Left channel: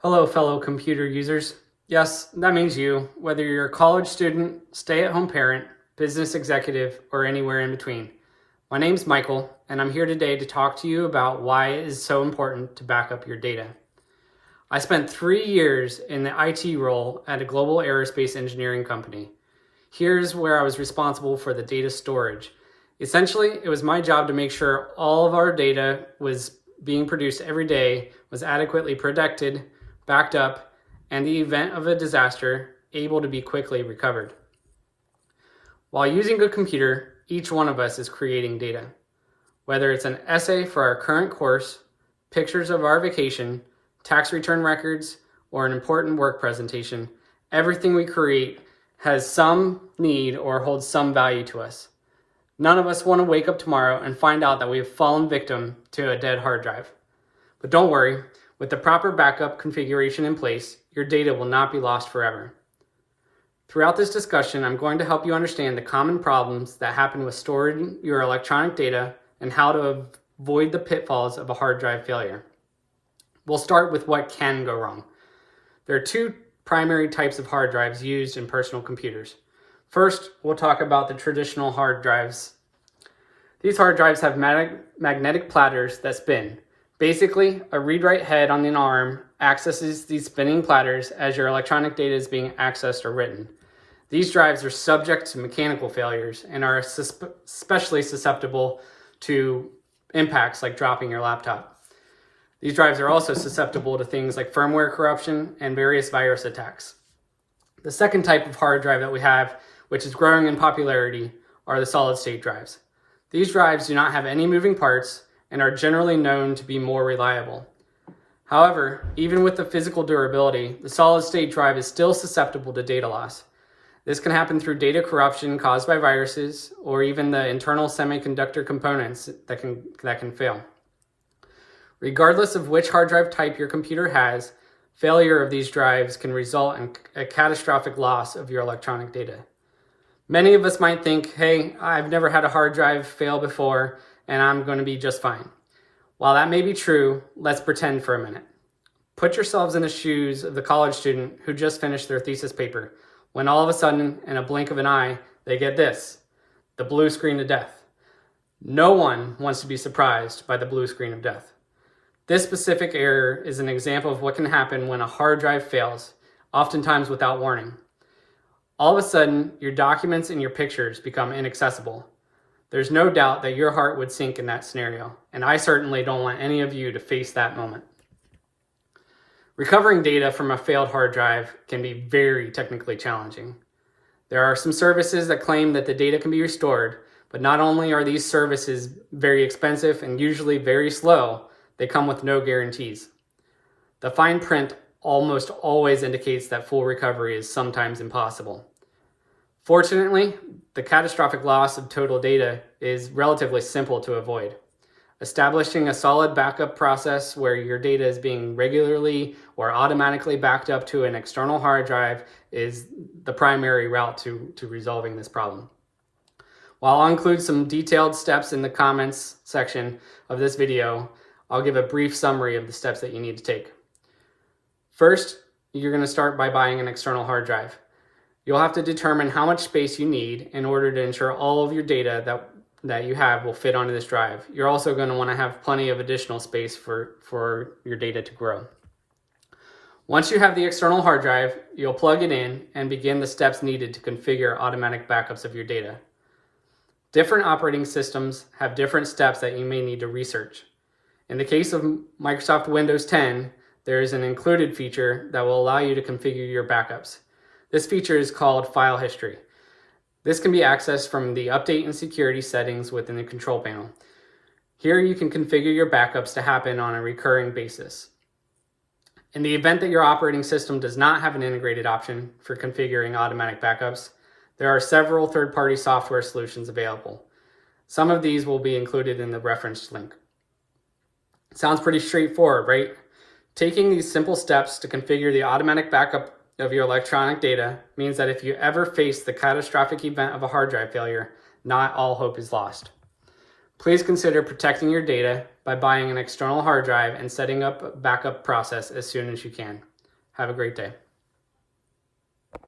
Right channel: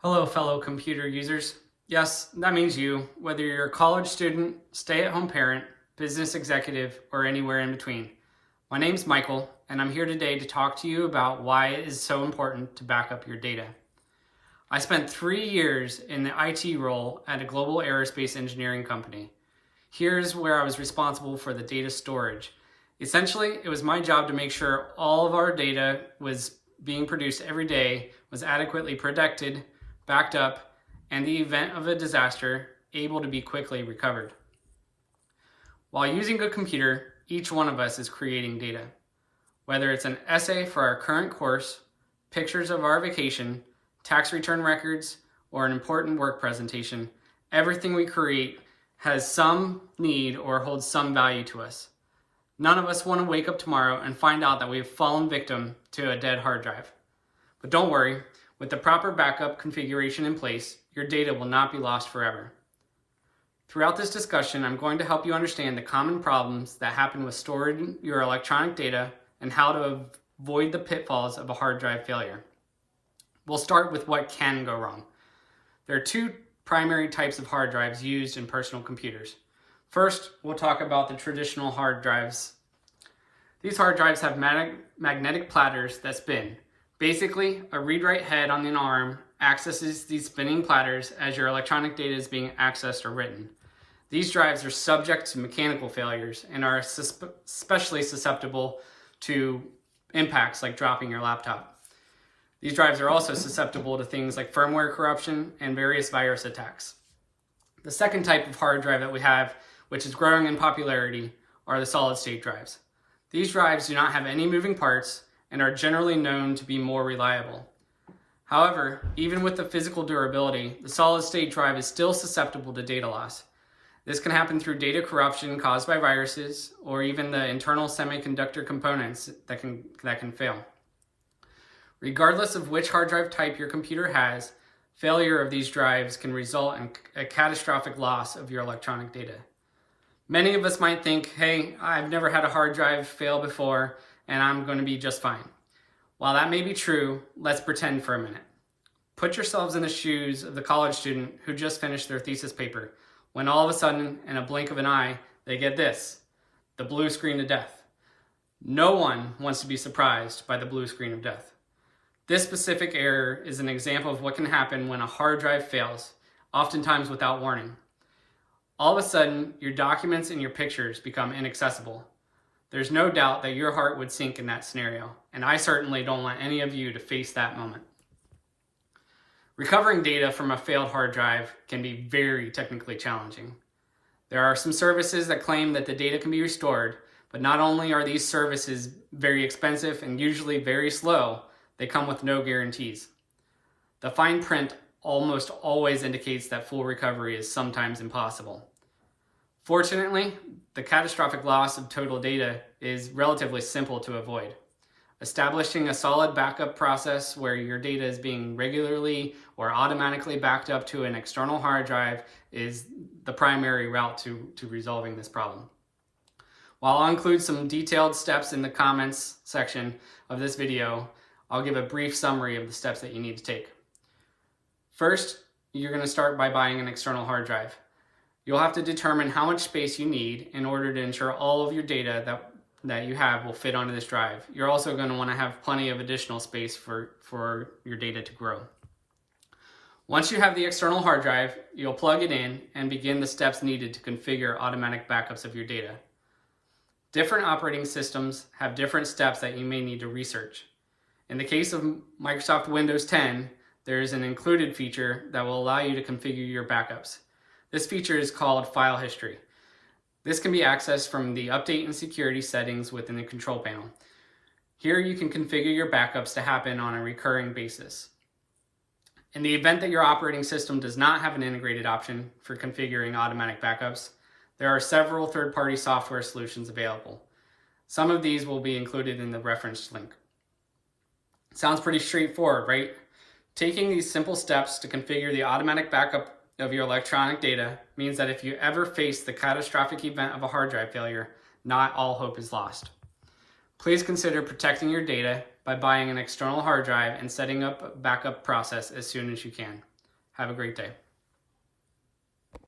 Hello, fellow computer users. Yes, that means you, whether you're a college student, stay-at-home parent, business executive, or anywhere in between. My name's Michael, and I'm here today to talk to you about why it is so important to back up your data. I spent 3 years in the IT role at a global aerospace engineering company. Here's where I was responsible for the data storage. Essentially, it was my job to make sure all of our data was being produced every day, was adequately protected, backed up, and the event of a disaster, able to be quickly recovered. While using a computer, each one of us is creating data. Whether it's an essay for our current course, pictures of our vacation, tax return records, or an important work presentation, everything we create has some need or holds some value to us. None of us want to wake up tomorrow and find out that we have fallen victim to a dead hard drive. But don't worry, with the proper backup configuration in place, your data will not be lost forever. Throughout this discussion, I'm going to help you understand the common problems that happen with storing your electronic data and how to avoid the pitfalls of a hard drive failure. We'll start with what can go wrong. There are two primary types of hard drives used in personal computers. First, we'll talk about the traditional hard drives. These hard drives have magnetic platters that spin. Basically, a read-write head on an arm accesses these spinning platters as your electronic data is being accessed or written. These drives are subject to mechanical failures and are especially susceptible to impacts like dropping your laptop. These drives are also susceptible to things like firmware corruption and various virus attacks. The second type of hard drive that we have, which is growing in popularity, are the solid-state drives. These drives do not have any moving parts and are generally known to be more reliable. However, even with the physical durability, the solid-state drive is still susceptible to data loss. This can happen through data corruption caused by viruses or even the internal semiconductor components that can fail. Regardless of which hard drive type your computer has, failure of these drives can result in a catastrophic loss of your electronic data. Many of us might think, hey, I've never had a hard drive fail before, and I'm going to be just fine. While that may be true, let's pretend for a minute. Put yourselves in the shoes of the college student who just finished their thesis paper, when all of a sudden, in a blink of an eye, they get this, the blue screen of death. No one wants to be surprised by the blue screen of death. This specific error is an example of what can happen when a hard drive fails, oftentimes without warning. All of a sudden, your documents and your pictures become inaccessible. There's no doubt that your heart would sink in that scenario, and I certainly don't want any of you to face that moment. Recovering data from a failed hard drive can be very technically challenging. There are some services that claim that the data can be restored, but not only are these services very expensive and usually very slow, they come with no guarantees. The fine print almost always indicates that full recovery is sometimes impossible. Fortunately, the catastrophic loss of total data is relatively simple to avoid. Establishing a solid backup process where your data is being regularly or automatically backed up to an external hard drive is the primary route to resolving this problem. While I'll include some detailed steps in the comments section of this video, I'll give a brief summary of the steps that you need to take. First, you're going to start by buying an external hard drive. You'll have to determine how much space you need in order to ensure all of your data that you have will fit onto this drive. You're also going to want to have plenty of additional space for your data to grow. Once you have the external hard drive, you'll plug it in and begin the steps needed to configure automatic backups of your data. Different operating systems have different steps that you may need to research. In the case of Microsoft Windows 10, there is an included feature that will allow you to configure your backups. This feature is called File History. This can be accessed from the Update and Security settings within the control panel. Here you can configure your backups to happen on a recurring basis. In the event that your operating system does not have an integrated option for configuring automatic backups, there are several third-party software solutions available. Some of these will be included in the referenced link. Sounds pretty straightforward, right? Taking these simple steps to configure the automatic backup of your electronic data means that if you ever face the catastrophic event of a hard drive failure, not all hope is lost. Please consider protecting your data by buying an external hard drive and setting up a backup process as soon as you can. Have a great day.